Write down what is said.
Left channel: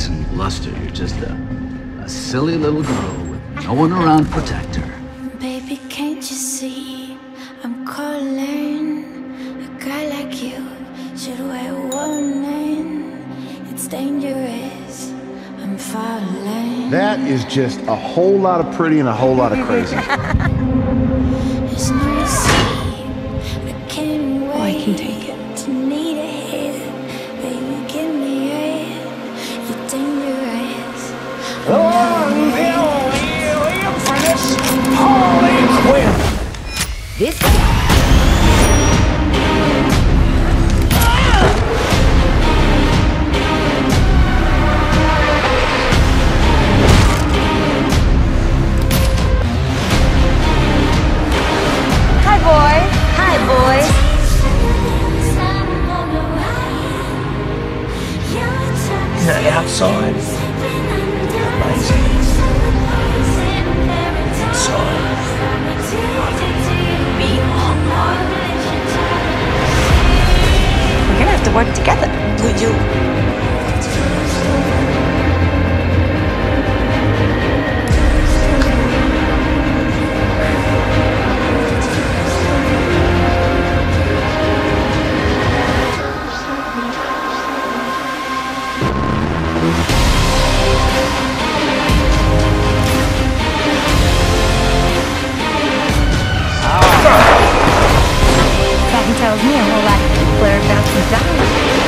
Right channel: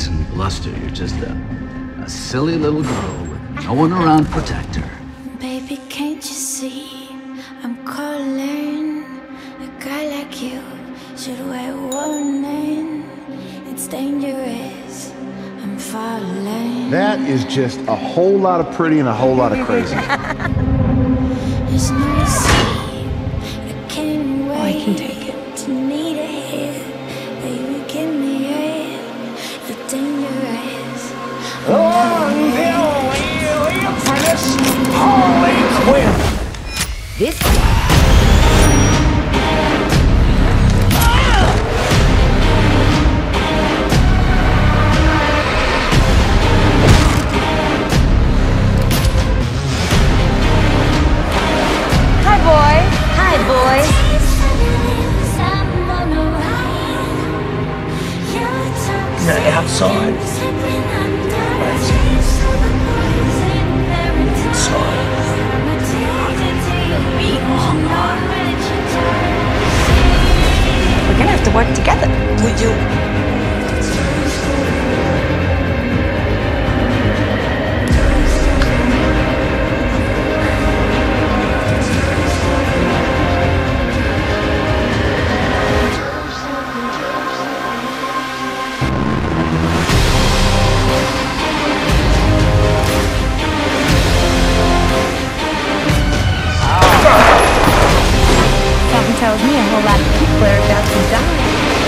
grace and bluster. You're just a silly little girl with no one around to protect her. Baby, can't you see I'm calling? A guy like you should wear a warning. It's dangerous, I'm falling. That is just a whole lot of pretty and a whole lot of crazy. There's no sleep, I can't wait. Oh, I can take it. To need a hit, baby, give me it. You're dangerous. The infamous Harley Quinn. This one. Hi, boys. Hi, boys. The outside, amazing. Inside, ugly. We're gonna have to work together. Would you? Something tells me a whole lot of people are about to die.